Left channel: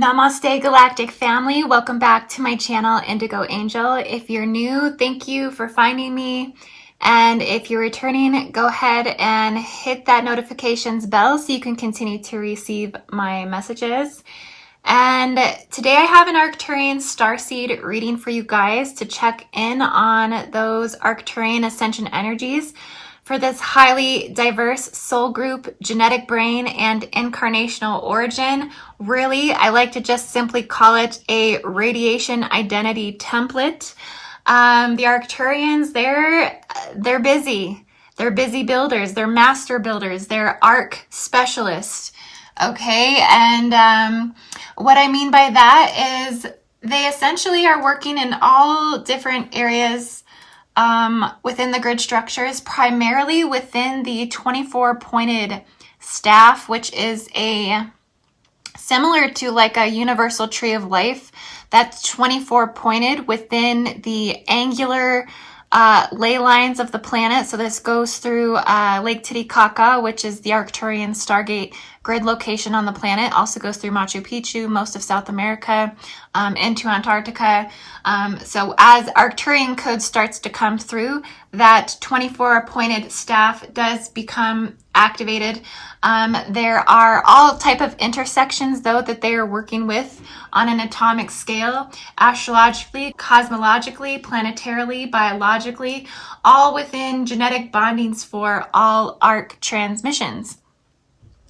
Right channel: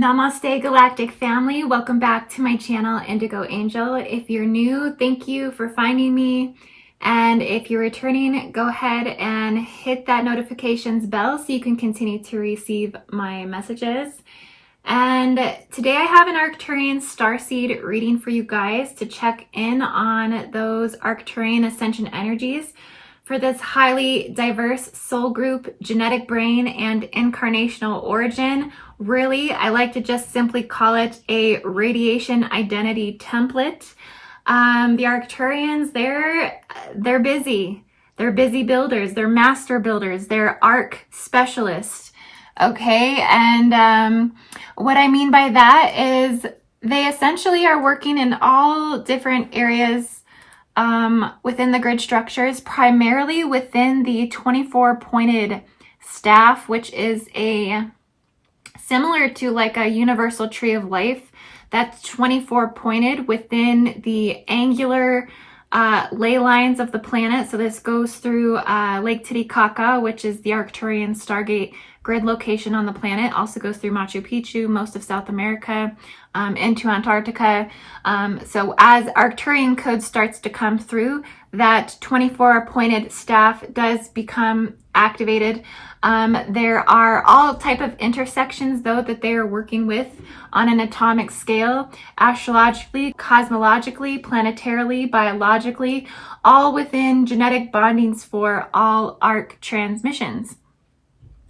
Namaste Galactic family, welcome back to my channel IndigoAngel. If you're new, thank you for finding me, and if you're returning, go ahead and hit that notifications bell so you can continue to receive my messages. And today I have an Arcturian Starseed reading for you guys to check in on those Arcturian ascension energies for this highly diverse soul group, genetic brain, and incarnational origin. Really, I like to just simply call it a radiation identity template. The Arcturians, they're busy. They're busy builders. They're master builders. They're arc specialists. Okay, and what I mean by that is they essentially are working in all different areas within the grid structures, primarily within the 24 pointed staff, which is similar to like a universal tree of life. That's 24 pointed within the angular ley lines of the planet. So this goes through Lake Titicaca, which is the Arcturian Stargate grid location on the planet. Also goes through Machu Picchu, most of South America, into Antarctica. So as Arcturian code starts to come through, that 24 pointed staff does become activated. There are all type of intersections though that they are working with on an atomic scale, astrologically, cosmologically, planetarily, biologically, all within genetic bondings for all arc transmissions.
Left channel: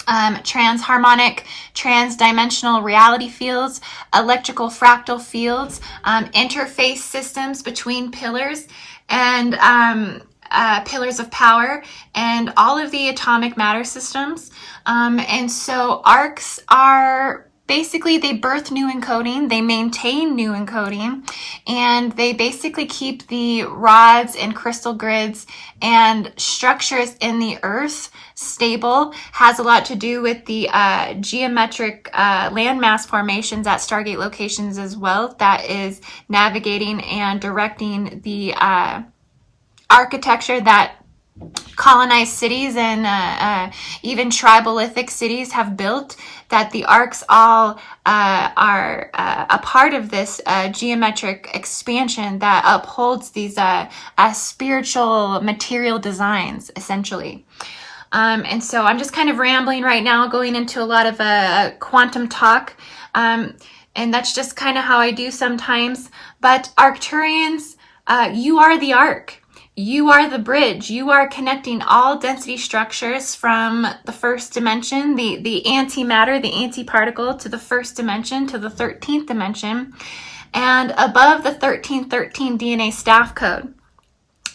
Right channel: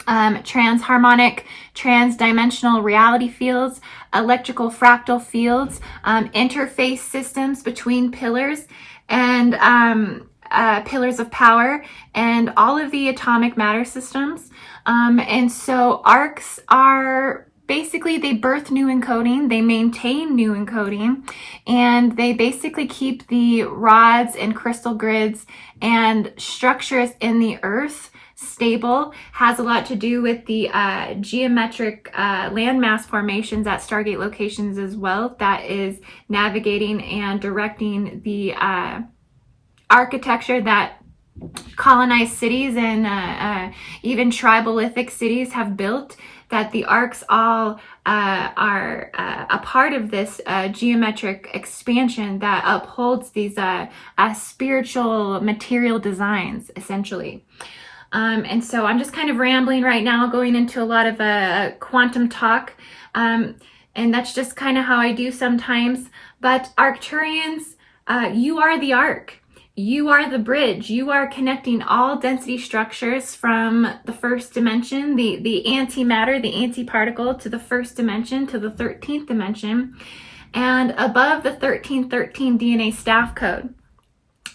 Transharmonic, transdimensional reality fields, electrical fractal fields, interface systems between pillars, and pillars of power, and all of the atomic matter systems. And so arcs are basically, they birth new encoding, they maintain new encoding, and they basically keep the rods and crystal grids and structures in the earth stable. Has a lot to do with the geometric landmass formations at Stargate locations as well. That is navigating and directing the architecture that colonized cities and even tribalithic cities have built, that the arcs all are a part of this geometric expansion that upholds these spiritual material designs, essentially. And so I'm just kind of rambling right now, going into a lot of quantum talk, and that's just kind of how I do sometimes. But Arcturians, you are the arc. You are the bridge. You are connecting all density structures from the first dimension, the antimatter, the antiparticle, to the first dimension, to the 13th dimension, and above the 1313 DNA staff code.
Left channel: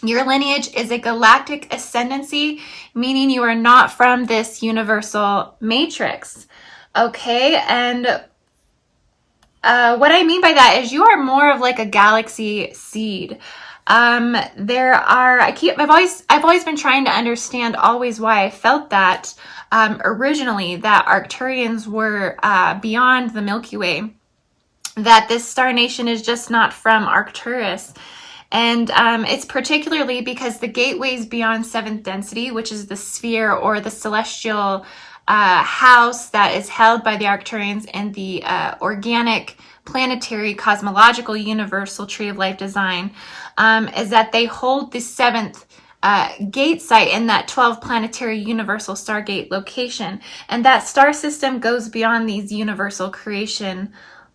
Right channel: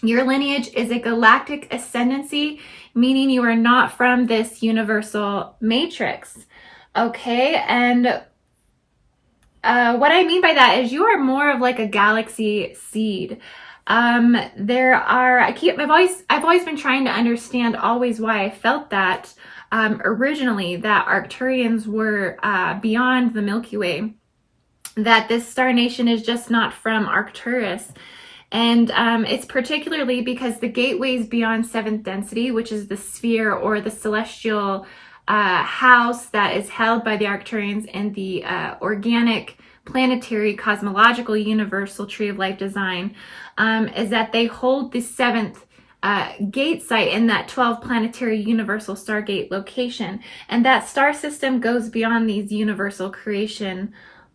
Your lineage is a galactic ascendancy, meaning you are not from this universal matrix. Okay, and what I mean by that is you are more of like a galaxy seed. I've always been trying to understand always why I felt that originally, that Arcturians were beyond the Milky Way, that this star nation is just not from Arcturus. And it's particularly because the gateways beyond 7th density, which is the sphere or the celestial house that is held by the Arcturians in the organic, planetary, cosmological, universal tree of life design, is that they hold the 7th gate site in that 12 planetary universal stargate location. And that star system goes beyond these universal creation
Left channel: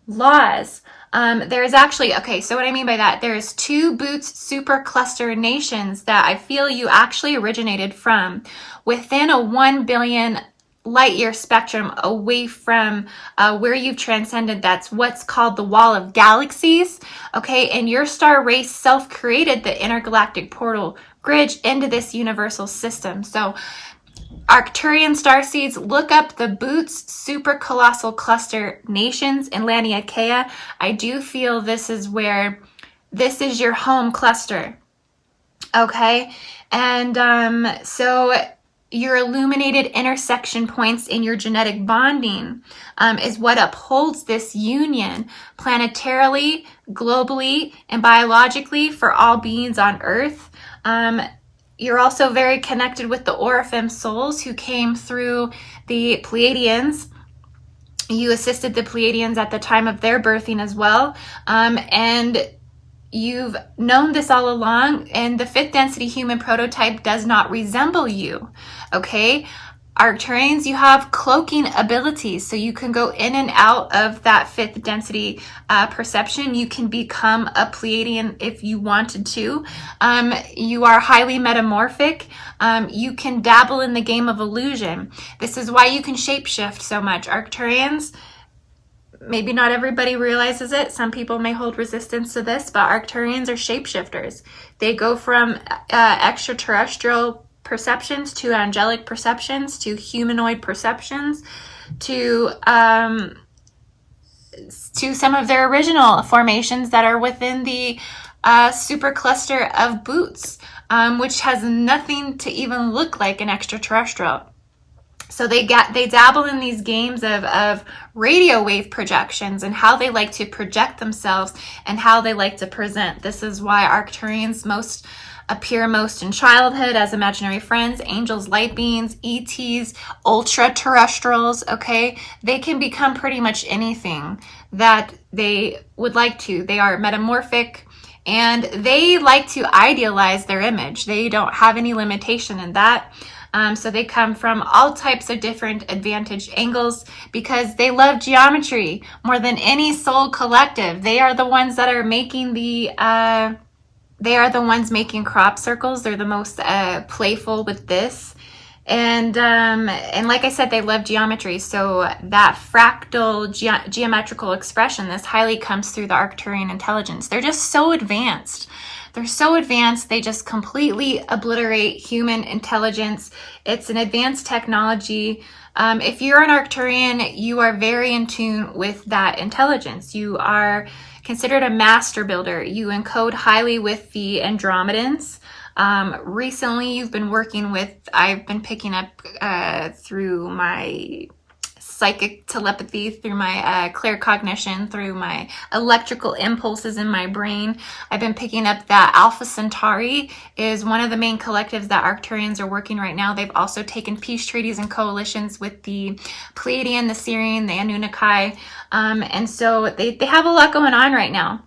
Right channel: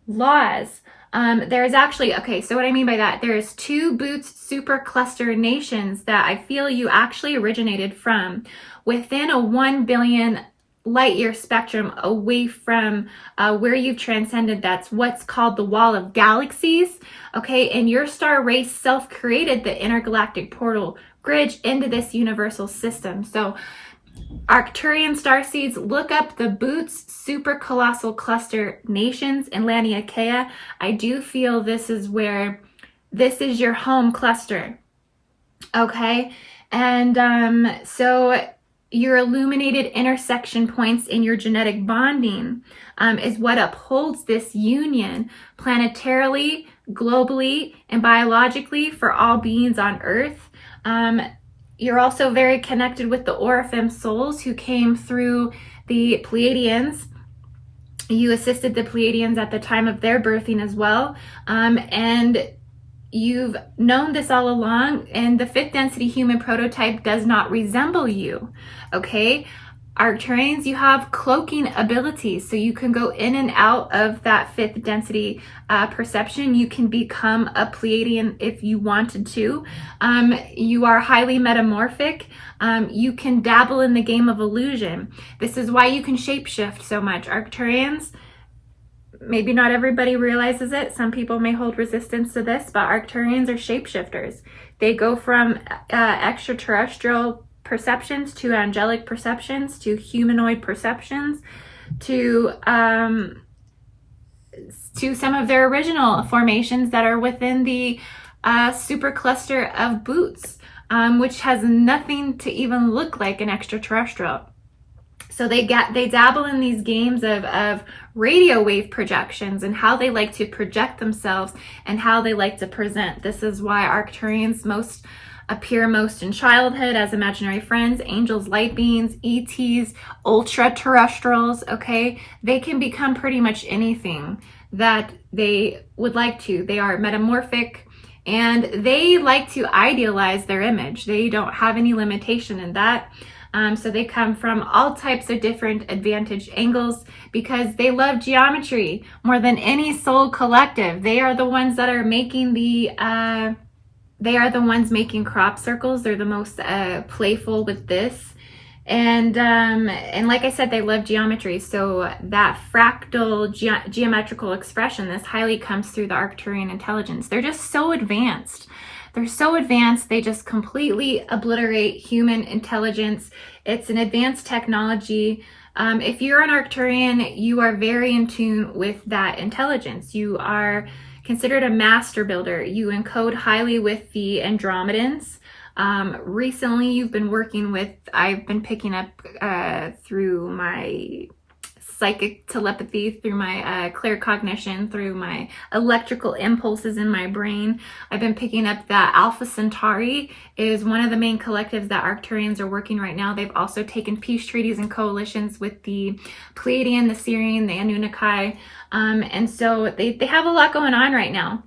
laws. There's actually, okay, so what I mean by that, there's 2 Boots supercluster nations that I feel you actually originated from within a 1 billion light year spectrum away from where you've transcended. That's what's called the wall of galaxies. Okay, and your star race self-created the intergalactic portal bridge into this universal system. So Arcturian starseeds, look up the Boots super colossal cluster nations in Laniakea. I do feel this is your home cluster. Okay, and so your illuminated intersection points in your genetic bonding is what upholds this union planetarily, globally, and biologically for all beings on Earth. You're also very connected with the Orifem souls who came through the Pleiadians You assisted the Pleiadians at the time of their birthing as well. And you've known this all along, and the 5th density human prototype does not resemble you, okay? Arcturians, you have cloaking abilities, so you can go in and out of that 5th density perception. You can become a Pleiadian if you wanted to. You are highly metamorphic. You can dabble in the game of illusion. This is why you can shapeshift so much. Arcturians, maybe not everybody realizes it. Some people may hold resistance to this, but Arcturians are shapeshifters. They go from extraterrestrial perceptions to angelic perceptions to humanoid perceptions to some of their original formations that are within the supercluster of Boots, which has nothing to even look like an extraterrestrial. So they dabble in these games of radio wave projections and how they like to project themselves and how they like to present. This is why Arcturians appear most in childhood as imaginary friends, angels, light beings, ETs, ultra-terrestrials, okay? They can become pretty much anything that they would like to. They are metamorphic, and they like to idealize their image. They don't have any limitation in that. So they come from all types of different advantage angles because they love geometry more than any soul collective. They are the ones that are making they are the ones making crop circles. They're the most playful with this. And like I said, they love geometry. So that fractal geometrical expression, this highly comes through the Arcturian intelligence. They're just so advanced. They're so advanced, they just completely obliterate human intelligence. It's an advanced technology. If you're an Arcturian, you are very in tune with that intelligence. You are considered a master builder. You encode highly with the Andromedans. Recently, you've been working with, I've been picking up through my psychic telepathy, through my claircognition, through my electrical impulses in my brain. I've been picking up that Alpha Centauri is one of the main collectives that Arcturians are working right now. They've also taken peace treaties and coalitions with the Pleiadian, the Syrian, the Anunnaki. And so they have a lot going on right now.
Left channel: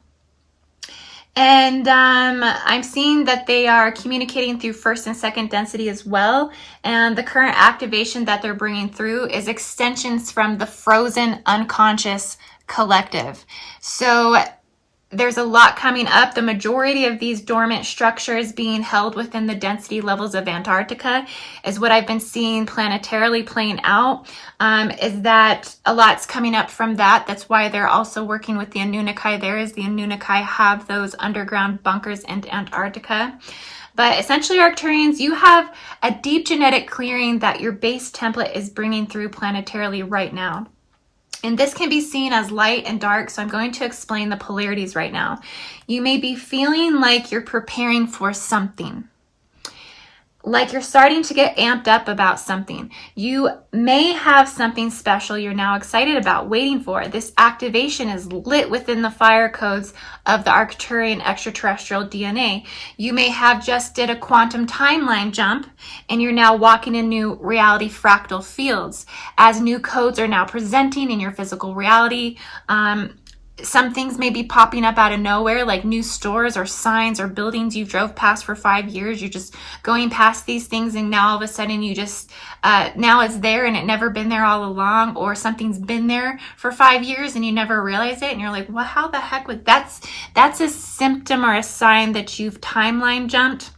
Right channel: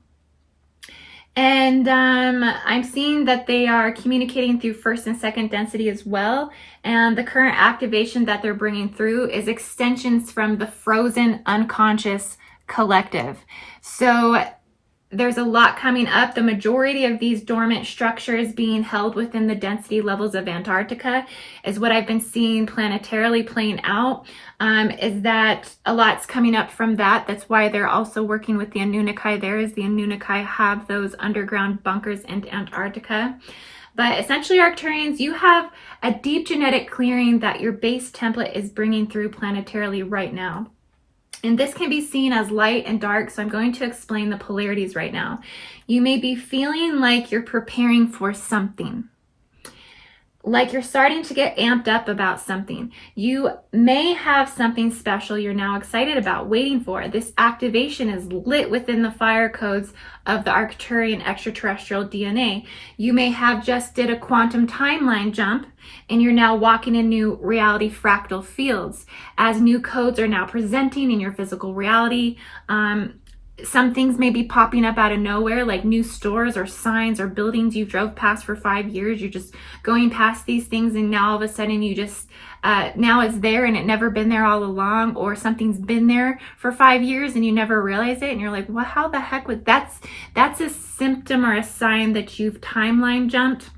And I'm seeing that they are communicating through 1st and 2nd density as well. And the current activation that they're bringing through is extensions from the frozen unconscious collective. So there's a lot coming up. The majority of these dormant structures being held within the density levels of Antarctica is what I've been seeing planetarily playing out, is that a lot's coming up from that. That's why they're also working with the Anunnaki there, is the Anunnaki have those underground bunkers in Antarctica. But essentially, Arcturians, you have a deep genetic clearing that your base template is bringing through planetarily right now. And this can be seen as light and dark, so I'm going to explain the polarities right now. You may be feeling like you're preparing for something, like you're starting to get amped up about something. You may have something special you're now excited about, waiting for. This activation is lit within the fire codes of the Arcturian extraterrestrial DNA. You may have just did a quantum timeline jump, and you're now walking in new reality fractal fields as new codes are now presenting in your physical reality. Some things may be popping up out of nowhere, like new stores or signs or buildings you drove past for 5 years. You're just going past these things, and now all of a sudden you just, now it's there and it never been there all along, or something's been there for 5 years and you never realize it. And you're like, well, how the heck was that's a symptom or a sign that you've timeline jumped.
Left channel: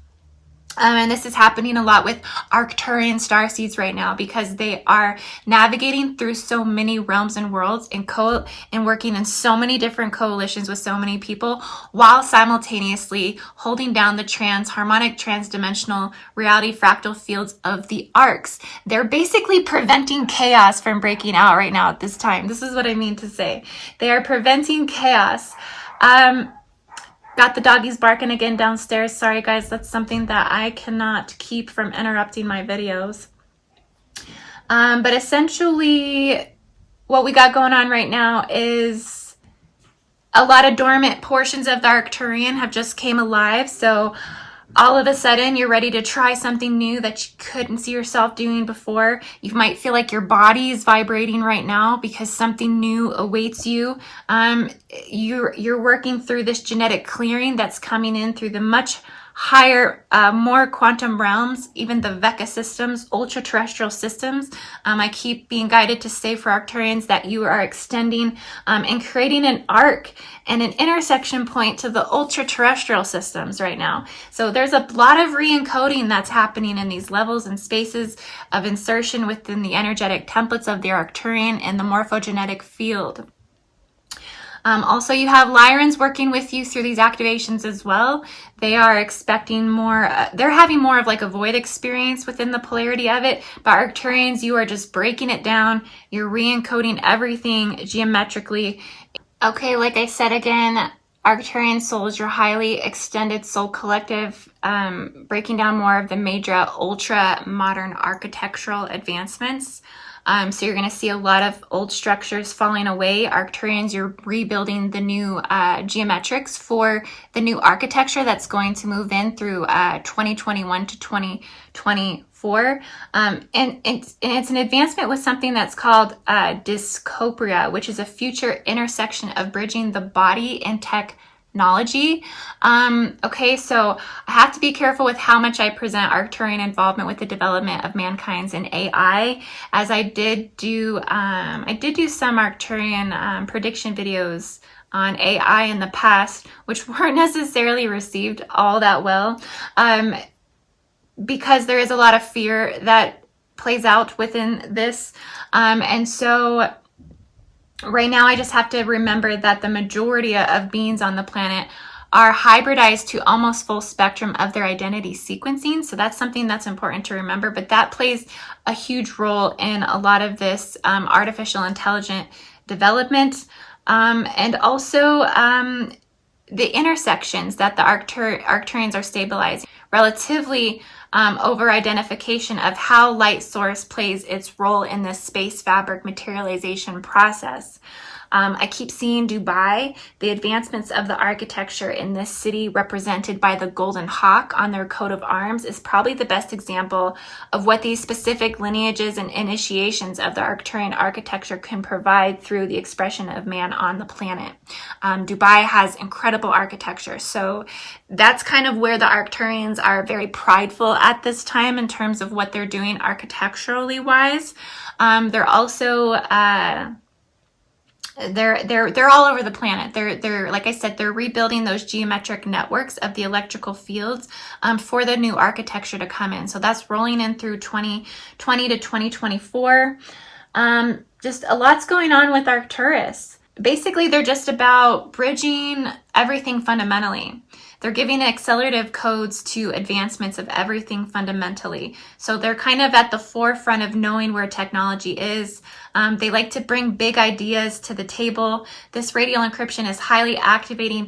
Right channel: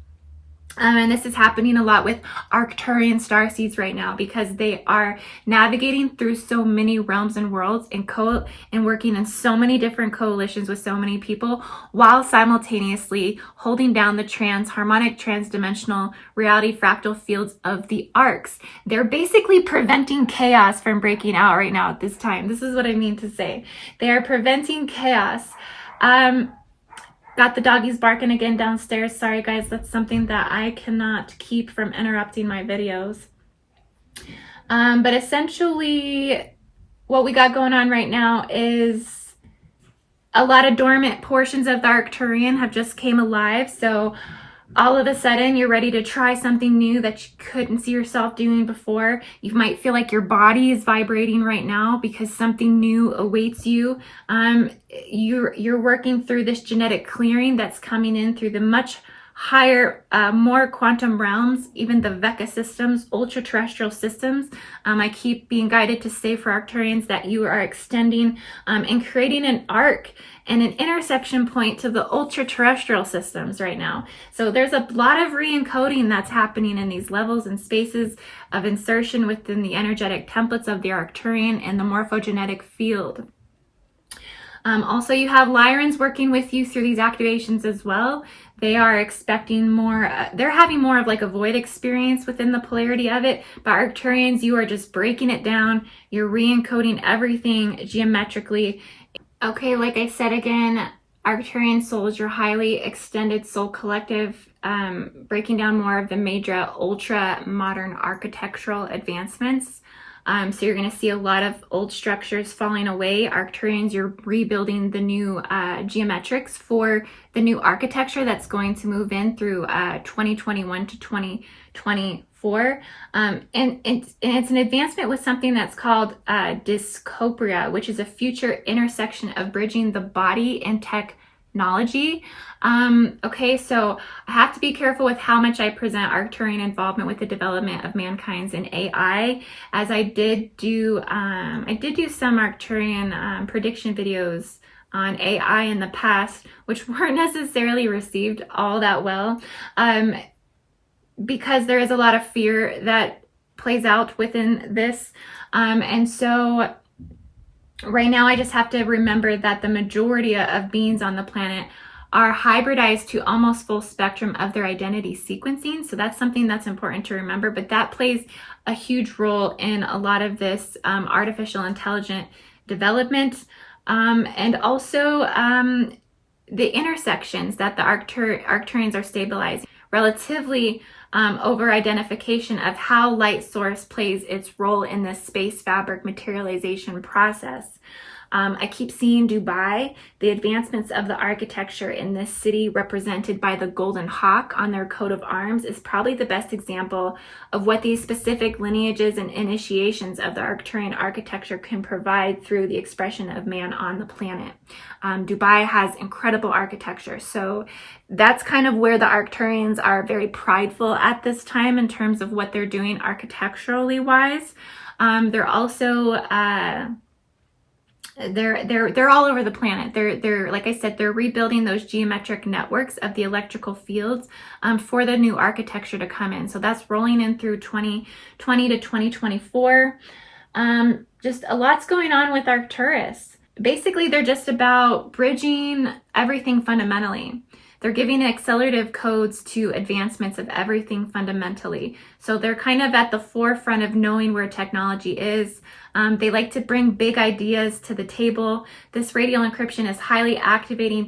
And this is happening a lot with Arcturian Starseeds right now, because they are navigating through so many realms and worlds and working in so many different coalitions with so many people, while simultaneously holding down the harmonic transdimensional reality fractal fields of the arcs. They're basically preventing chaos from breaking out right now at this time. This is what I mean to say. They are preventing chaos. Got the doggies barking again downstairs. Sorry guys, that's something that I cannot keep from interrupting my videos. But essentially what we got going on right now is a lot of dormant portions of the Arcturian have just came alive. So all of a sudden you're ready to try something new that you couldn't see yourself doing before. You might feel like your body is vibrating right now because something new awaits you. You're working through this genetic clearing that's coming in through the much higher, more quantum realms, even the Vecca systems, ultra-terrestrial systems. I keep being guided to say for Arcturians that you are extending and creating an arc and an intersection point to the ultra-terrestrial systems right now. So there's a lot of re-encoding that's happening in these levels and spaces of insertion within the energetic templates of the Arcturian and the morphogenetic field. Also, you have Lyrans working with you through these activations as well. They are expecting more, they're having more of like a void experience within the polarity of it. But Arcturians, you are just breaking it down. You're re-encoding everything geometrically. Okay, like I said again, Arcturian souls, your highly extended soul collective, breaking down more of the major ultra modern architectural advancements. So you're going to see a lot of old structures falling away. Arcturians, you're rebuilding the new geometrics for the new architecture that's going to move in through 2021 to 2024. And it's an advancement with something that's called dyscopria, which is a future intersection of bridging the body and technology. Okay, so I have to be careful with how much I present Arcturian involvement with the development of mankind's in AI, as I did do some Arcturian prediction videos on AI in the past, which weren't necessarily received all that well, because there is a lot of fear that plays out within this, and so right now, I just have to remember that the majority of beings on the planet are hybridized to almost full spectrum of their identity sequencing. So that's something that's important to remember, but that plays a huge role in a lot of this artificial intelligent development. And also the intersections that the Arcturians are stabilizing relatively over identification of how light source plays its role in this space fabric materialization process. I keep seeing Dubai, the advancements of the architecture in this city represented by the golden hawk on their coat of arms is probably the best example of what these specific lineages and initiations of the Arcturian architecture can provide through the expression of man on the planet. Dubai has incredible architecture, so that's kind of where the Arcturians are very prideful at this time in terms of what they're doing architecturally wise. They're also they're all over the planet. They're like I said, they're rebuilding those geometric networks of the electrical fields for the new architecture to come in. So that's rolling in through 2020 to 2024. Just a lot's going on with Arcturus. Basically, they're just about bridging everything fundamentally. They're giving accelerative codes to advancements of everything fundamentally. So they're kind of at the forefront of knowing where technology is. They like to bring big ideas to the table. This radial encryption is highly activating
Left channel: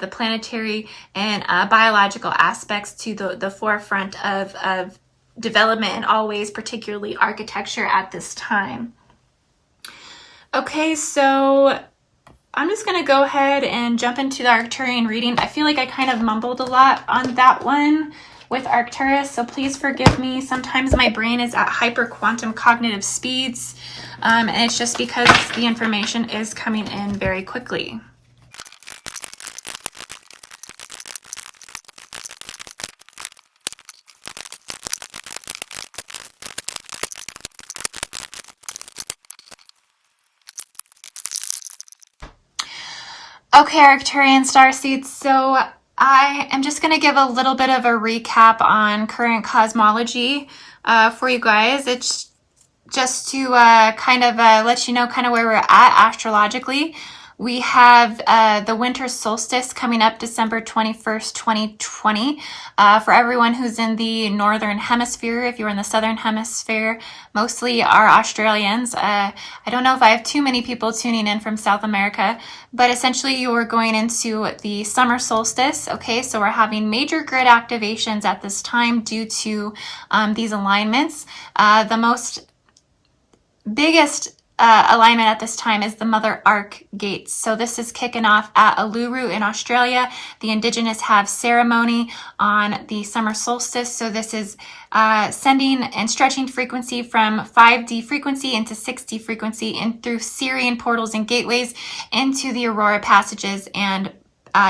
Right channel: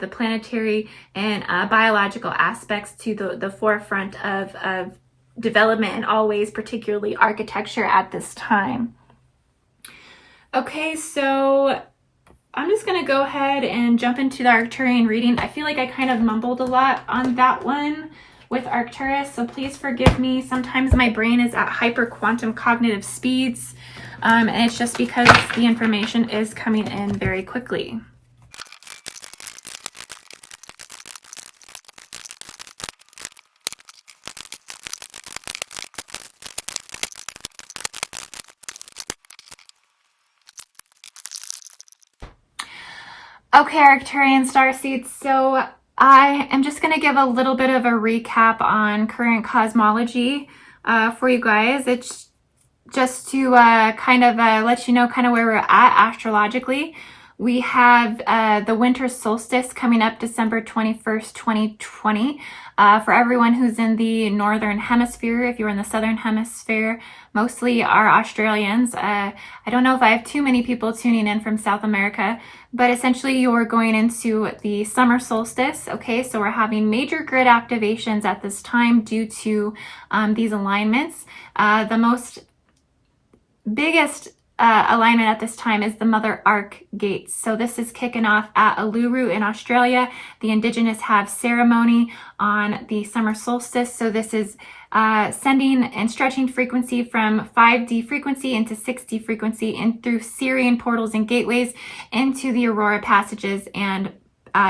the planetary and biological aspects to the forefront of development in all ways, particularly architecture at this time. Okay, so I'm just going to go ahead and jump into the Arcturian reading. I feel like I kind of mumbled a lot on that one with Arcturus, so please forgive me. Sometimes my brain is at hyper quantum cognitive speeds, and it's just because the information is coming in very quickly. Okay, Arcturian Starseed, so I am just going to give a little bit of a recap on current cosmology for you guys. It's just to kind of let you know kind of where we're at astrologically. We have the winter solstice coming up December 21st, 2020. For everyone who's in the northern hemisphere, if you're in the southern hemisphere, mostly are Australians. I don't know if I have too many people tuning in from South America, but essentially you're going into the summer solstice. Okay, so we're having major grid activations at this time due to these alignments. The biggest alignment at this time is the Mother Arc gates. So this is kicking off at Uluru in Australia. The Indigenous have ceremony on the summer solstice. So this is sending and stretching frequency from 5D frequency into 6D frequency and through Sirian portals and gateways into the Aurora passages and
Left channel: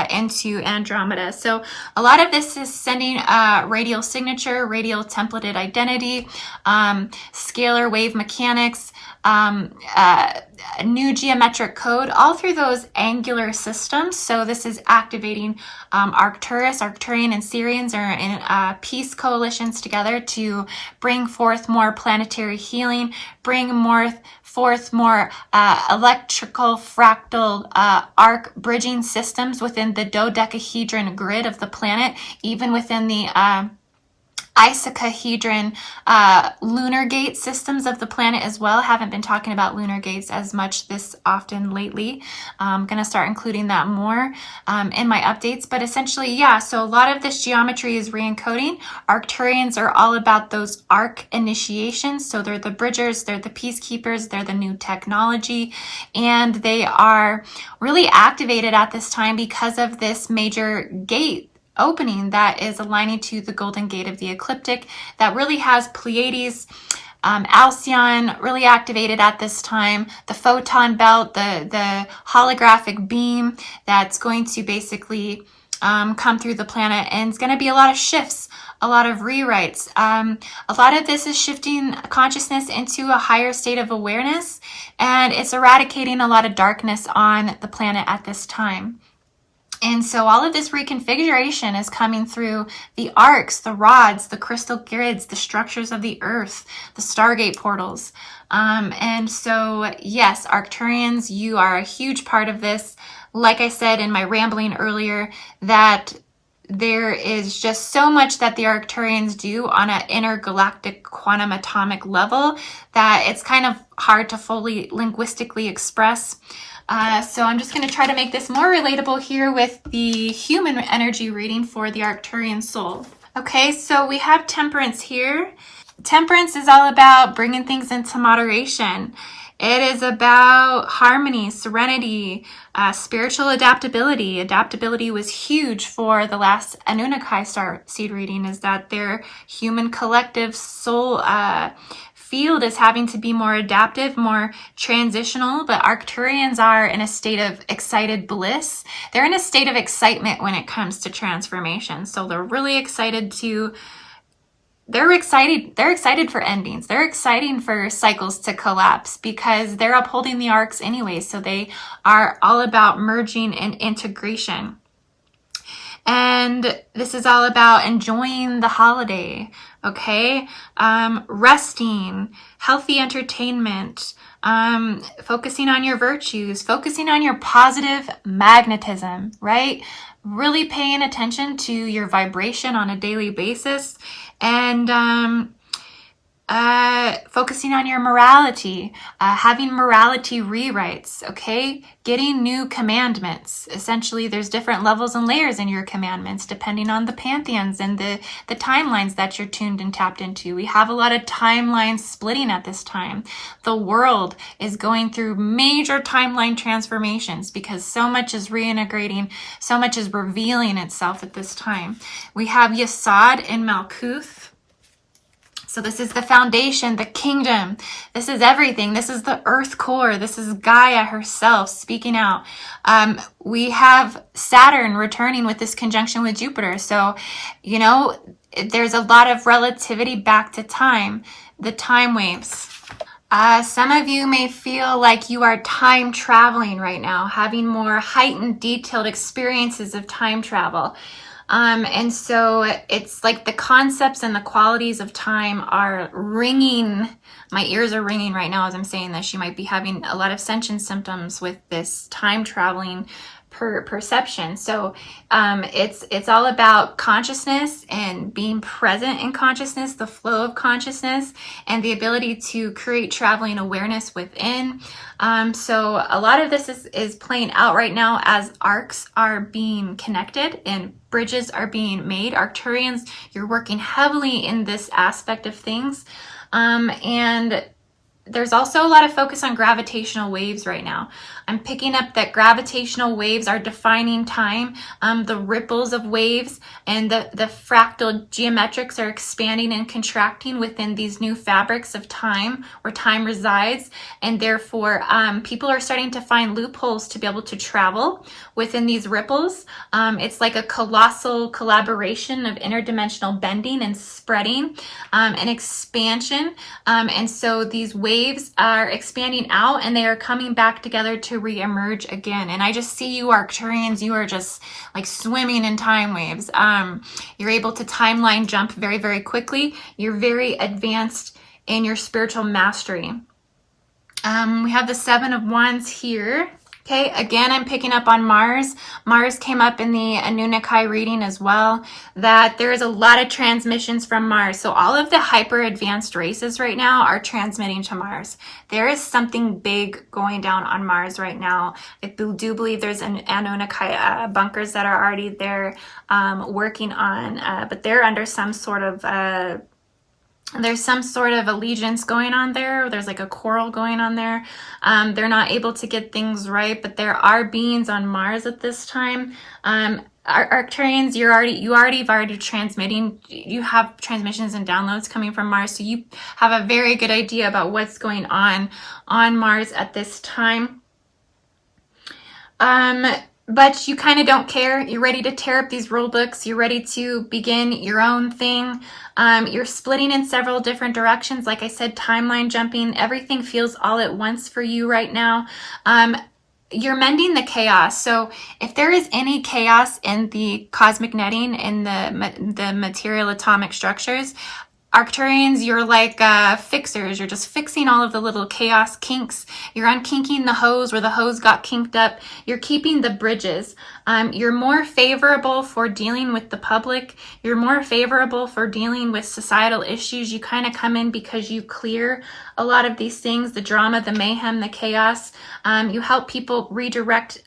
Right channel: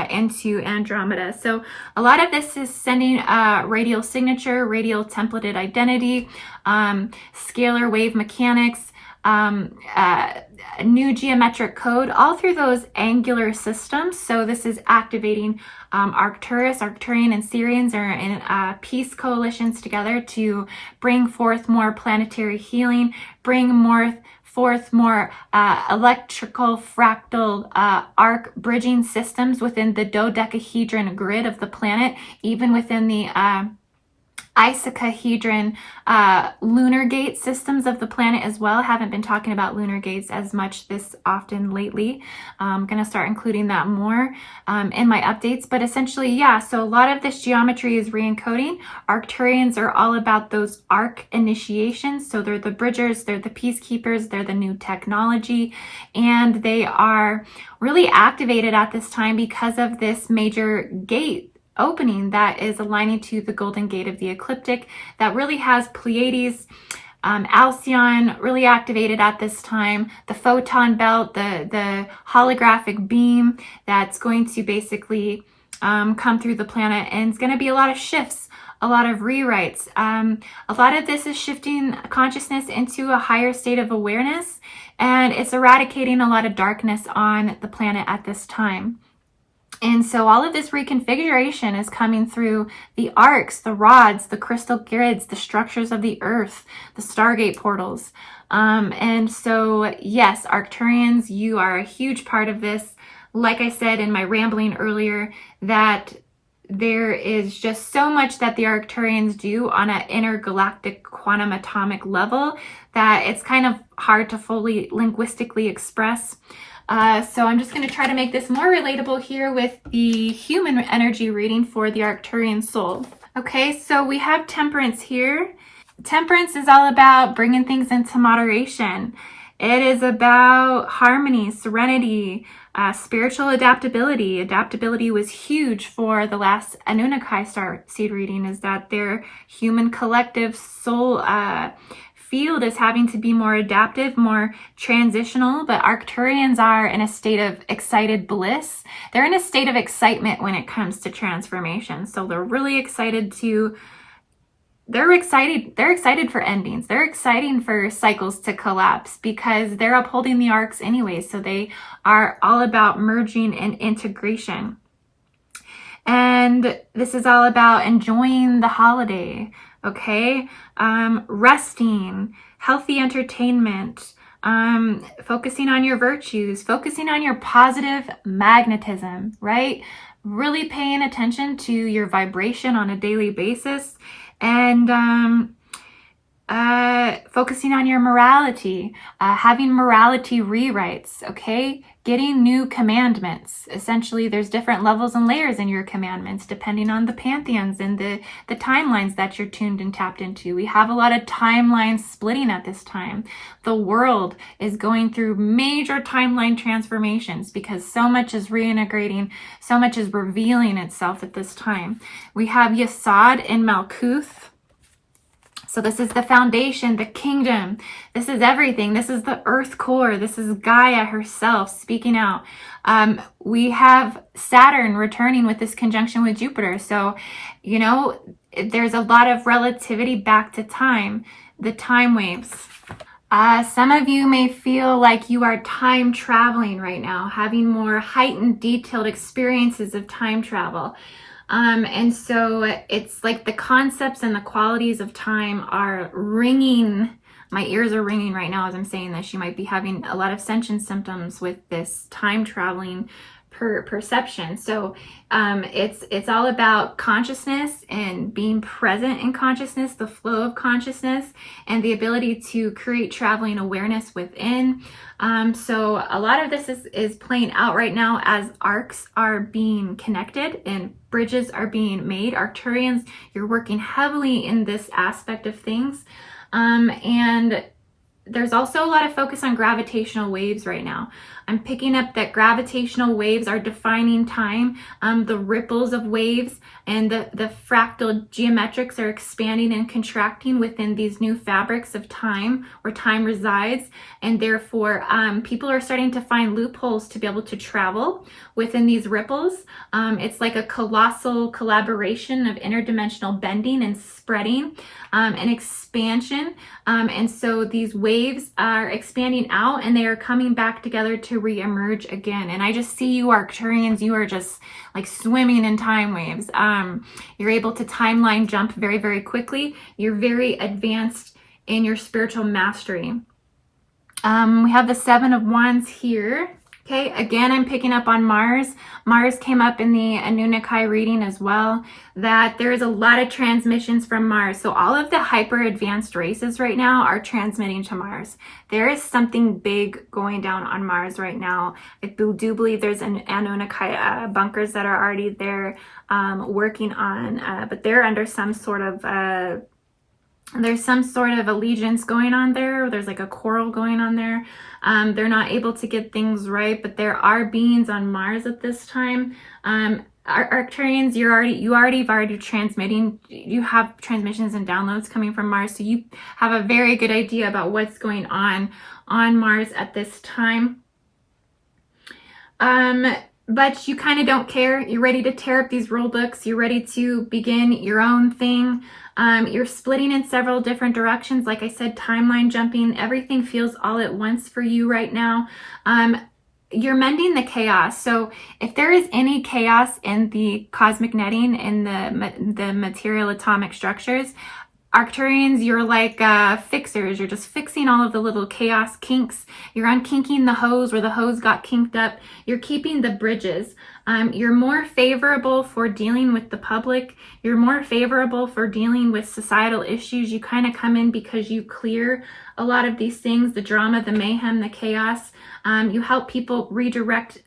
into Andromeda. So a lot of this is sending radial signature, radial templated identity, scalar wave mechanics, new geometric code, all through those angular systems. So this is activating Arcturus, Arcturian, and Sirians are in peace coalitions together to bring forth more planetary healing, bring forth more electrical fractal arc bridging systems within the dodecahedron grid of the planet, even within the icosahedron lunar gate systems of the planet as well. Haven't been talking about lunar gates as much this often lately. I'm going to start including that more in my updates. But essentially, yeah, so a lot of this geometry is re-encoding. Arcturians are all about those arc initiations. So they're the bridgers, they're the peacekeepers, they're the new technology, and they are really activated at this time because of this major gate opening that is aligning to the golden gate of the ecliptic that really has Pleiades, Alcyon really activated at this time, the photon belt, the holographic beam that's going to basically come through the planet, and it's going to be a lot of shifts, a lot of rewrites. A lot of this is shifting consciousness into a higher state of awareness, and it's eradicating a lot of darkness on the planet at this time. And so all of this reconfiguration is coming through the arcs, the rods, the crystal grids, the structures of the earth, the Stargate portals. And so, yes, Arcturians, you are a huge part of this. Like I said in my rambling earlier, that there is just so much that the Arcturians do on an intergalactic quantum atomic level that it's kind of hard to fully linguistically express. So I'm just going to try to make this more relatable here with the human energy reading for the Arcturian soul. Okay, so we have Temperance here. Temperance is all about bringing things into moderation. It is about harmony, serenity, spiritual adaptability. Adaptability was huge for the last Anunnaki Starseed reading, is that their human collective soul field is having to be more adaptive, more transitional, but Arcturians are in a state of excited bliss. They're in a state of excitement when it comes to transformation. So they're really excited they're excited for endings. They're excited for cycles to collapse because they're upholding the arcs anyway. So they are all about merging and integration. And this is all about enjoying the holiday, okay? Resting, healthy entertainment, focusing on your virtues, focusing on your positive magnetism, right? Really paying attention to your vibration on a daily basis, and focusing on your morality, having morality rewrites, okay? Getting new commandments. Essentially, there's different levels and layers in your commandments depending on the pantheons and the timelines that you're tuned and tapped into. We have a lot of timeline splitting at this time. The world is going through major timeline transformations because so much is reintegrating, so much is revealing itself at this time. We have Yesod in Malkuth. So this is the foundation, the kingdom. This is everything. This is the earth core. This is Gaia herself speaking out. We have Saturn returning with this conjunction with Jupiter. So, you know, there's a lot of relativity back to time, the time waves. Some of you may feel like you are time traveling right now, having more heightened, detailed experiences of time travel. And so it's like the concepts and the qualities of time are ringing. My ears are ringing right now as I'm saying this. You might be having a lot of sensation symptoms with this time traveling perception. So it's all about consciousness and being present in consciousness, the flow of consciousness, and the ability to create traveling awareness within. So a lot of this is playing out right now as arcs are being connected and bridges are being made. Arcturians, you're working heavily in this aspect of things. And there's also a lot of focus on gravitational waves right now. I'm picking up that gravitational waves are defining time. The ripples of waves and the fractal geometrics are expanding and contracting within these new fabrics of time where time resides. And therefore, people are starting to find loopholes to be able to travel within these ripples. It's like a colossal collaboration of interdimensional bending and spreading and expansion. And so these waves are expanding out and they are coming back together to re-emerge again. And I just see you Arcturians, you are just like swimming in time waves. You're able to timeline jump very, very quickly. You're very advanced in your spiritual mastery. We have the Seven of Wands here. Okay, again, I'm picking up on Mars. Mars came up in the Anunnaki reading as well, that there is a lot of transmissions from Mars. So all of the hyper advanced races right now are transmitting to Mars. There is something big going down on Mars right now. I do believe there's an Anunnaki bunkers that are already there working on, but they're under some sort of there's some sort of allegiance going on there. There's like a quarrel going on there. They're not able to get things right, but there are beings on Mars at this time. Arcturians, you already transmitting. You have transmissions and downloads coming from Mars, so you have a very good idea about what's going on Mars at this time. But you kind of don't care. You're ready to tear up these rule books. You're ready to begin your own thing. You're splitting in several different directions. Like I said, timeline jumping. Everything feels all at once for you right now. You're mending the chaos. So if there is any chaos in the cosmic netting, in the material atomic structures, Arcturians, you're like fixers. You're just fixing all of the little chaos kinks. You're unkinking the hose where the hose got kinked up. You're keeping the bridges. You're more favorable for dealing with the public. You're more favorable for dealing with societal issues. You kind of come in because you clear a lot of these things, the drama, the mayhem, the chaos. You help people redirect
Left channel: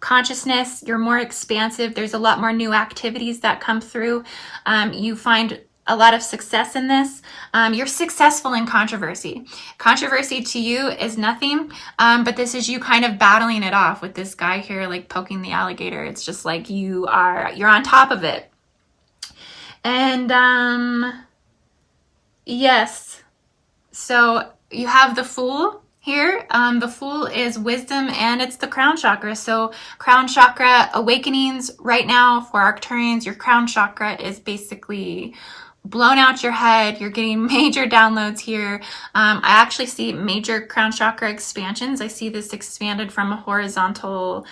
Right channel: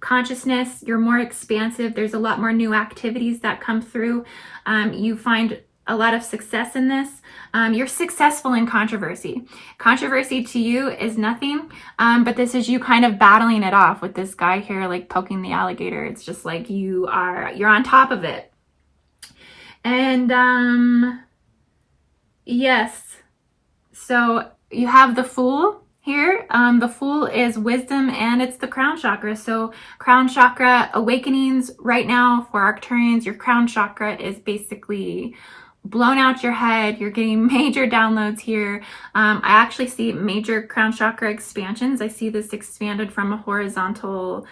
consciousness. You're more expansive. There's a lot more new activities that come through. You find a lot of success in this. You're successful in controversy. Controversy to you is nothing, but this is you kind of battling it off with this guy here, like poking the alligator. It's just like you're on top of it. And yes, so you have the Fool here. The Fool is wisdom and it's the crown chakra. So crown chakra awakenings right now for Arcturians. Your crown chakra is basically blown out your head. You're getting major downloads here. I actually see major crown chakra expansions. I see this expanded from a horizontal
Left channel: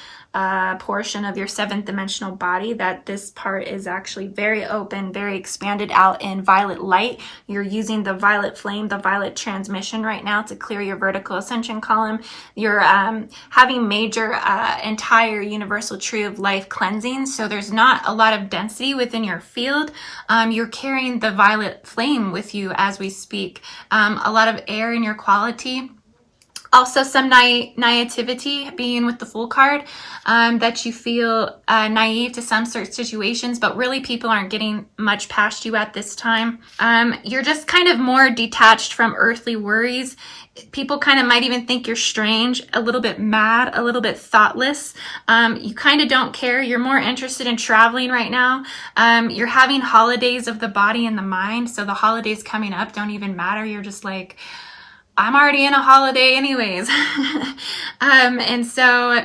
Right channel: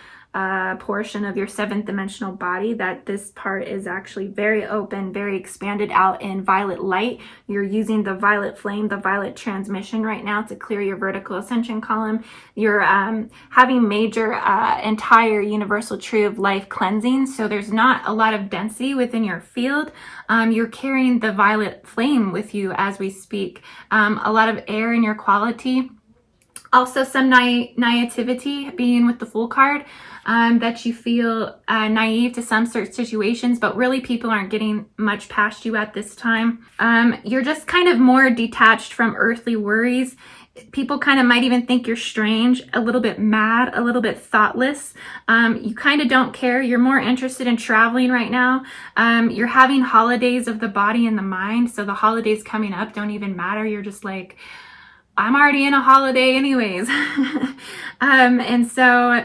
portion of your seventh dimensional body, that this part is actually very open, very expanded out in violet light. You're using the violet flame, the violet transmission right now to clear your vertical ascension column. You're having major entire universal tree of life cleansing. So there's not a lot of density within your field. You're carrying the violet flame with you as we speak. A lot of air in your quality. Also some naivety being with the Fool card, that you feel naive to some sort of situations, but really people aren't getting much past you at this time. You're just kind of more detached from earthly worries. People kind of might even think you're strange, a little bit mad, a little bit thoughtless. You kind of don't care. You're more interested in traveling right now. You're having holidays of the body and the mind. So the holidays coming up don't even matter. You're just like, I'm already in a holiday anyways. And so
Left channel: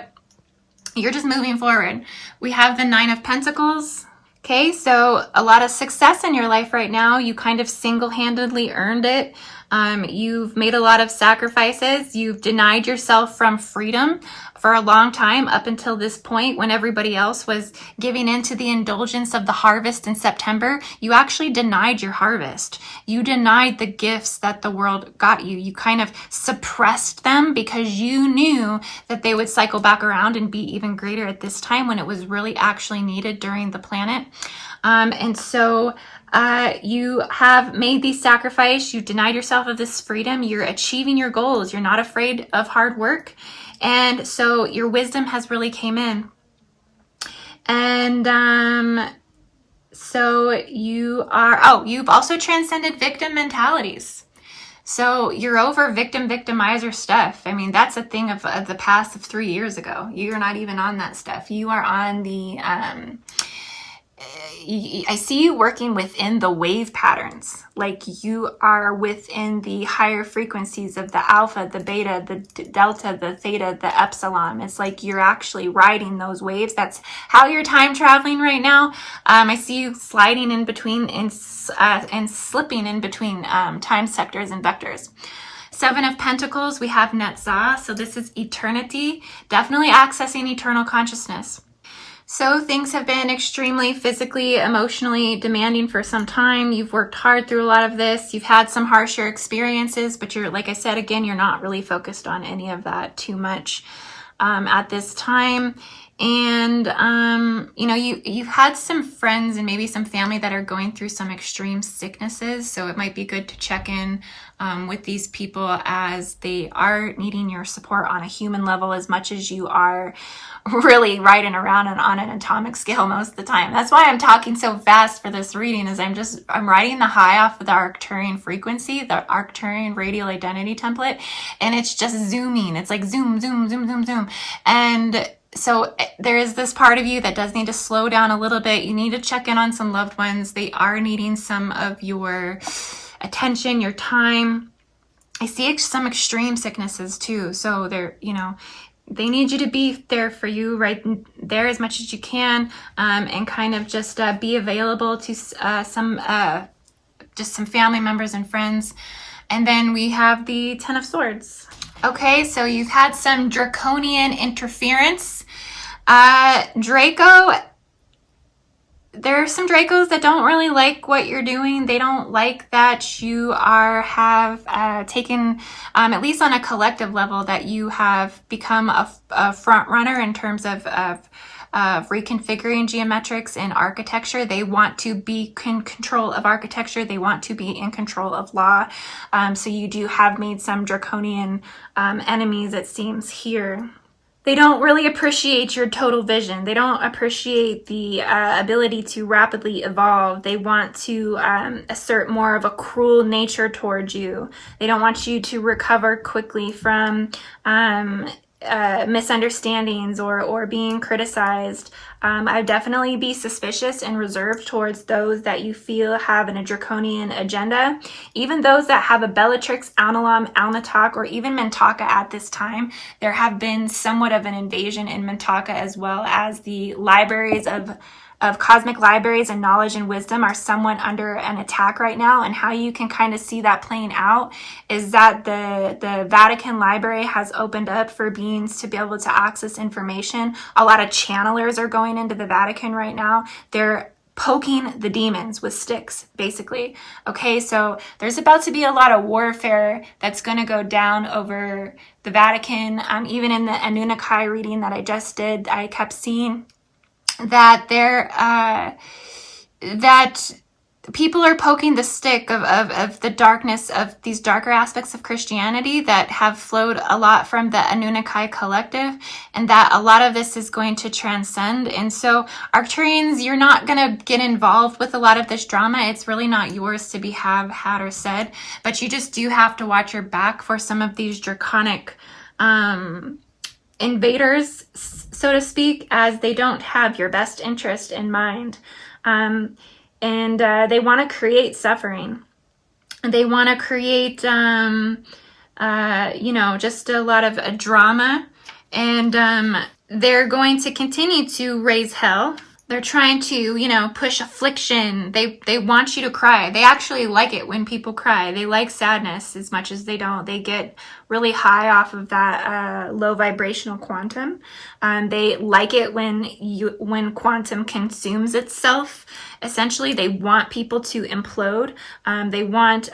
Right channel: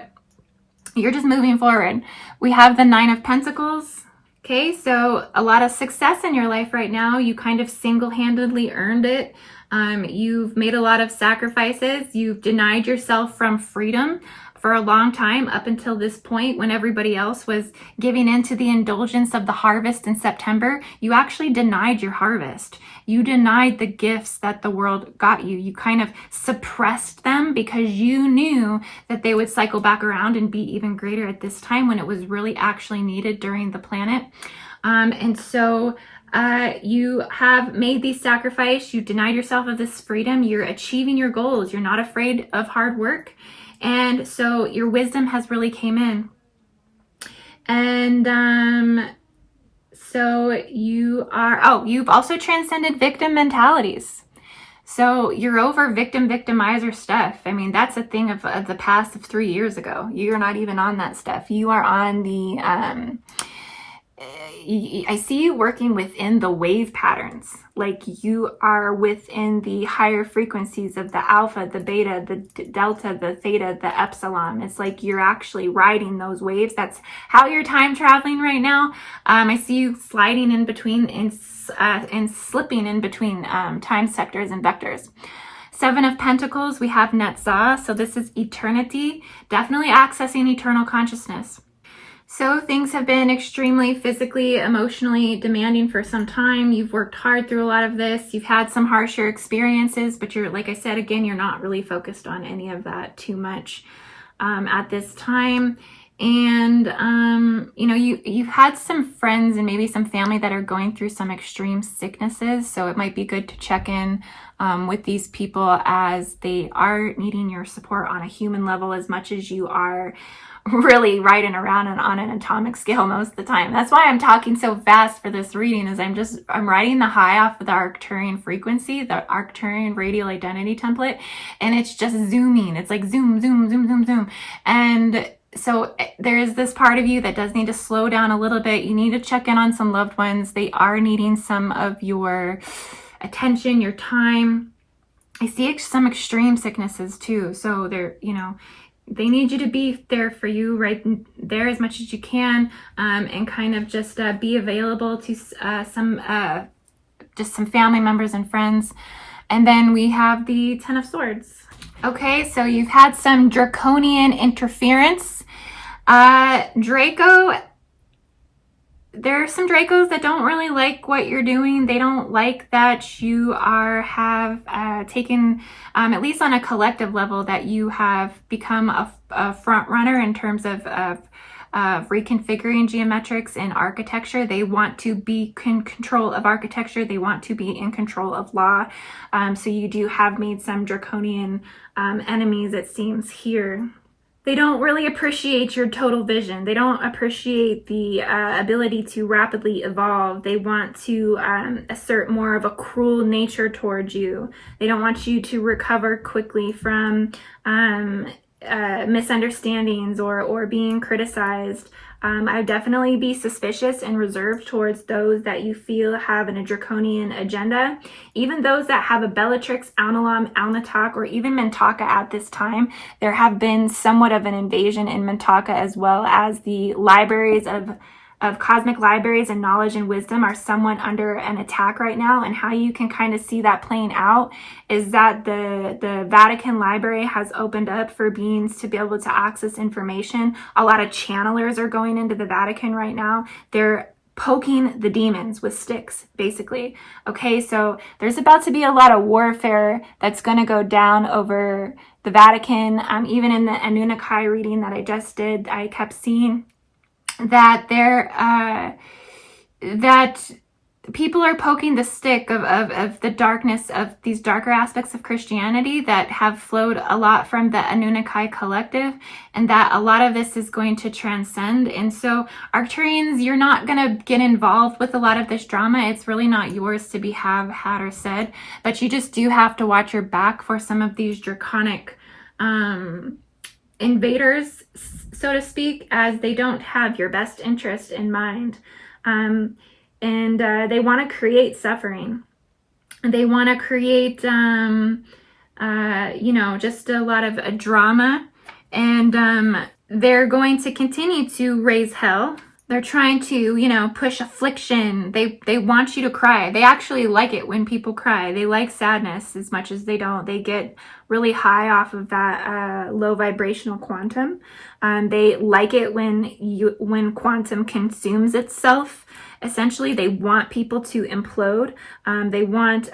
you're just moving forward. We have the Nine of Pentacles. Okay, so a lot of success in your life right now. You kind of single-handedly earned it. You've made a lot of sacrifices. You've denied yourself from freedom for a long time up until this point when everybody else was giving in to the indulgence of the harvest in September. You actually denied your harvest. You denied the gifts that the world got you. You kind of suppressed them because you knew that they would cycle back around and be even greater at this time when it was really actually needed during the planet. And so you have made these sacrifices. You denied yourself of this freedom. You're achieving your goals. You're not afraid of hard work. And so your wisdom has really came in. And so you are, you've also transcended victim mentalities. So you're over victimizer stuff. I mean, that's a thing of the past of 3 years ago. You're not even on that stuff. You are on the, I see you working within the wave patterns. Like you are within the higher frequencies of the alpha, the beta, the delta, the theta, the epsilon. It's like you're actually riding those waves. That's how you're time traveling right now. I see you sliding in between and slipping in between time sectors and vectors. 7 of Pentacles, we have Netzah. So this is eternity, definitely accessing eternal consciousness. So things have been extremely physically, emotionally demanding for some time. You've worked hard through a lot of this. You've had some harsher experiences, but you're, like I said, again, you're not really focused on any of that too much at this time. And, you know, you've had some friends and maybe some family that are going through some extreme sicknesses. So it might be good to check in with these people as they are needing your support on a human level as much as you are really riding around and on an atomic scale most of the time. That's why I'm talking so fast for this reading, is I'm riding the high off of the Arcturian frequency, the Arcturian radial identity template, and it's just zooming. It's like zoom, zoom, zoom, zoom, zoom. And so there is this part of you that does need to slow down a little bit. You need to check in on some loved ones. They are needing some of your attention, your time. I see some extreme sicknesses too. So they're, you know, they need you to be there for you right there as much as you can, and kind of just be available to some family members and friends. And then we have the 10 of Swords. Okay, so you've had some draconian interference. Draco, there are some Dracos that don't really like what you're doing. They don't like that you have taken, at least on a collective level, that you have become a front runner in terms of reconfiguring geometrics in architecture. They want to be in control of architecture. They want to be in control of law. So you do have made some draconian enemies, it seems here. They don't really appreciate your total vision. They don't appreciate the ability to rapidly evolve. They want to assert more of a cruel nature towards you. They don't want you to recover quickly from misunderstandings or being criticized. I'd definitely be suspicious and reserved towards those that you feel have a draconian agenda. Even those that have a Bellatrix, Alnilam, Alnitak, or even Mintaka at this time. There have been somewhat of an invasion in Mintaka, as well as the libraries of cosmic libraries and knowledge and wisdom are somewhat under an attack right now. And how you can kind of see that playing out is that the Vatican library has opened up for beings to be able to access information. A lot of channelers are going into the Vatican right now. They're poking the demons with sticks, basically. Okay, so there's about to be a lot of warfare that's going to go down over the Vatican. Even in the Anunnaki reading that I just did, I kept seeing that that people are poking the stick of the darkness of these darker aspects of Christianity that have flowed a lot from the Anunnaki collective, and that a lot of this is going to transcend. And so Arcturians, you're not going to get involved with a lot of this drama. It's really not yours to be had or said, but you just do have to watch your back for some of these draconic invaders, so to speak, as they don't have your best interest in mind. And they want to create suffering. They want to create, you know, just a lot of drama. And they're going to continue to raise hell. They're trying to, you know, push affliction. They want you to cry. They actually like it when people cry. They like sadness as much as they don't. They get really high off of that low vibrational quantum. They like it when quantum consumes itself. Essentially, they want people to implode. They want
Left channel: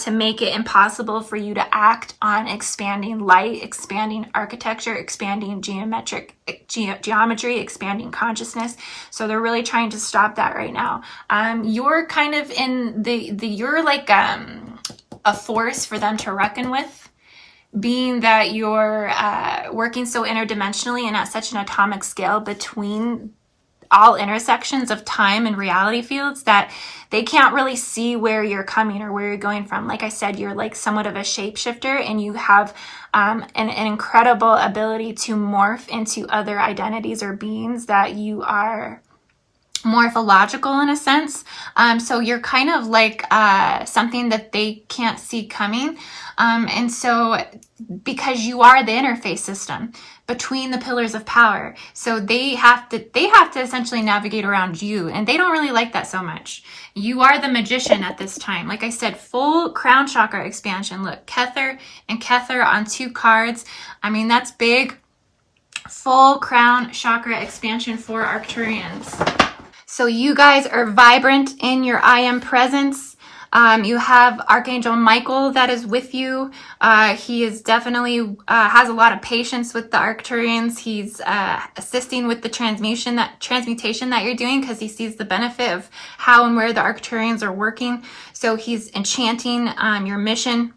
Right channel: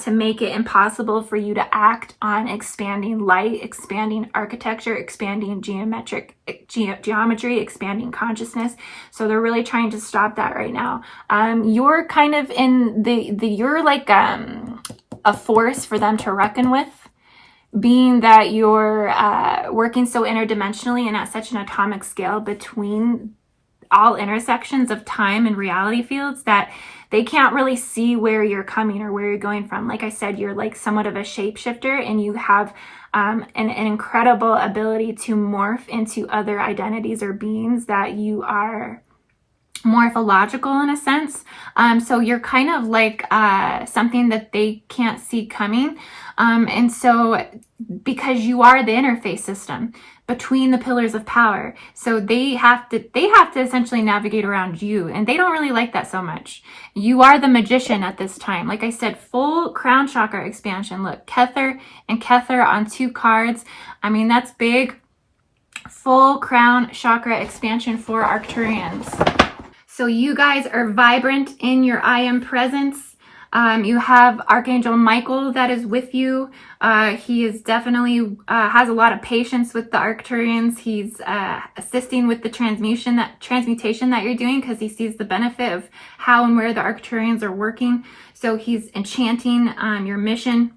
to make it impossible for you to act on expanding light, expanding architecture, expanding geometry, expanding consciousness. So they're really trying to stop that right now. You're kind of in you're like a force for them to reckon with, being that you're working so interdimensionally and at such an atomic scale between all intersections of time and reality fields that they can't really see where you're coming or where you're going from. Like I said, you're like somewhat of a shapeshifter, and you have an incredible ability to morph into other identities or beings that you are morphological in a sense. So you're kind of like something that they can't see coming. And so because you are the interface system between the pillars of power, so they have to essentially navigate around you, and they don't really like that so much. You are the magician at this time. Like I said, full crown chakra expansion. Look, Kether and Kether on 2 cards. I mean, that's big. Full crown chakra expansion for Arcturians. So you guys are vibrant in your I am presence. You have Archangel Michael that is with you. He is definitely has a lot of patience with the Arcturians. He's assisting with the transmutation that you're doing, because he sees the benefit of how and where the Arcturians are working. So he's enchanting your mission.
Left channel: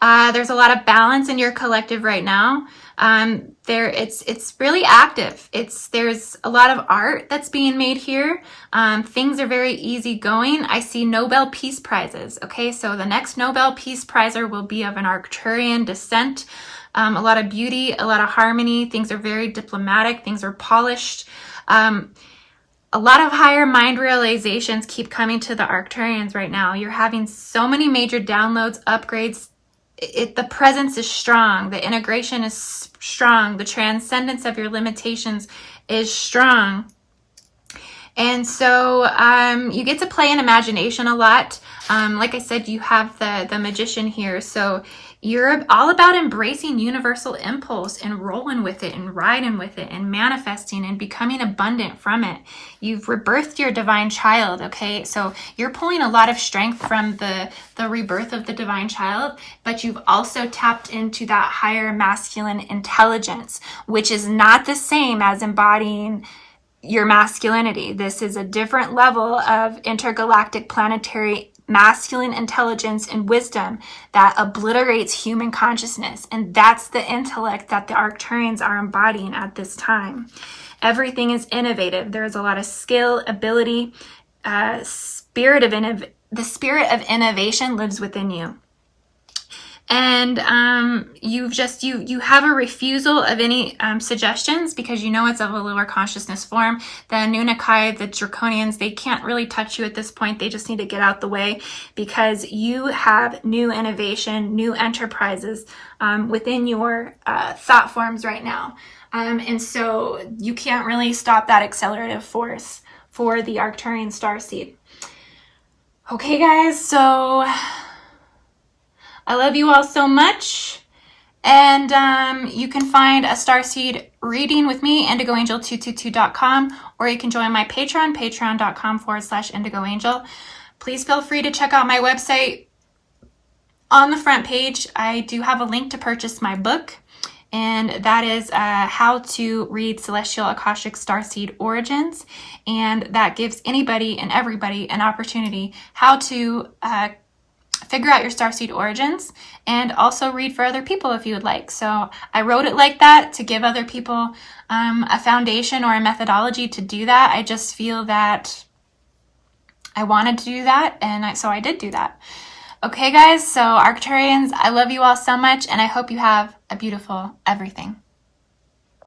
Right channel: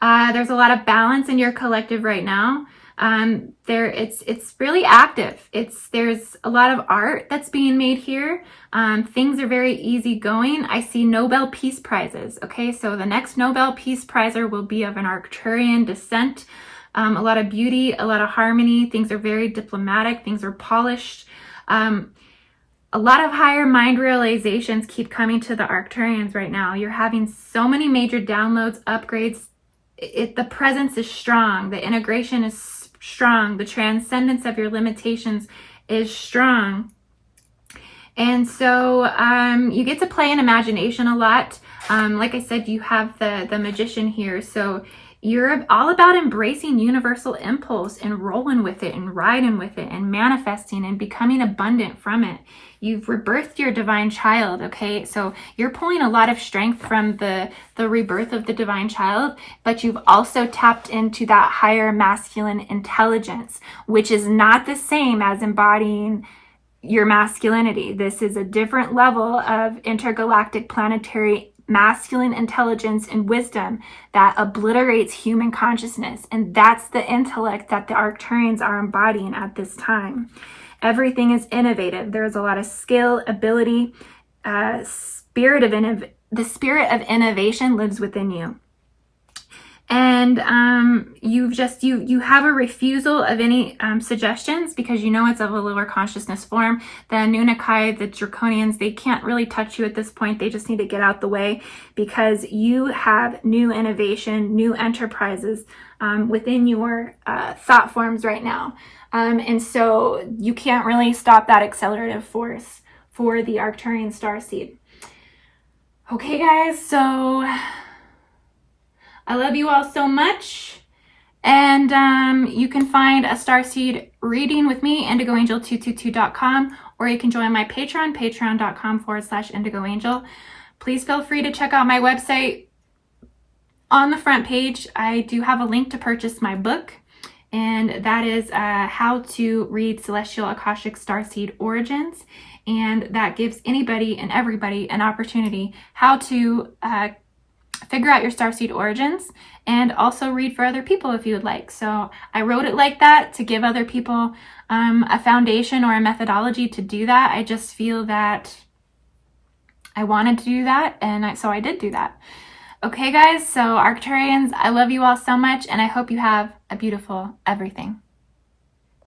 There's a lot of balance in your collective right now. It's really active. There's a lot of art that's being made here. Things are very easygoing. I see Nobel Peace Prizes. Okay, so the next Nobel Peace Prizer will be of an Arcturian descent. A lot of beauty, a lot of harmony. Things are very diplomatic. Things are polished. A lot of higher mind realizations keep coming to the Arcturians right now. You're having so many major downloads, upgrades. The presence is strong. The integration is strong. The transcendence of your limitations is strong. And so you get to play in imagination a lot. Like I said, you have the magician here. So you're all about embracing universal impulse and rolling with it and riding with it and manifesting and becoming abundant from it. You've rebirthed your divine child, okay? So you're pulling a lot of strength from the rebirth of the divine child, but you've also tapped into that higher masculine intelligence, which is not the same as embodying your masculinity. This is a different level of intergalactic planetary masculine intelligence and wisdom that obliterates human consciousness. And that's the intellect that the Arcturians are embodying at this time. Everything is innovative. There's a lot of skill, ability, the spirit of innovation lives within you. And you have a refusal of any suggestions, because you know it's of a lower consciousness form. The Anunnaki, the Draconians, they can't really touch you at this point. They just need to get out the way, because you have new innovation, new enterprises within your thought forms right now. And so you can't really stop that accelerative force for the Arcturian Starseed. Okay, guys, so I love you all so much. And you can find a Starseed reading with me, IndigoAngel222.com, or you can join my Patreon, patreon.com/IndigoAngel. Please feel free to check out my website. On the front page, I do have a link to purchase my book, and that is How to Read Celestial Akashic Starseed Origins. And that gives anybody and everybody an opportunity how to figure out your starseed origins, and also read for other people if you would like. So I wrote it like that to give other people a foundation or a methodology to do that. I just feel that I wanted to do that, and so I did do that. Okay, guys, so Arcturians, I love you all so much, and I hope you have a beautiful everything.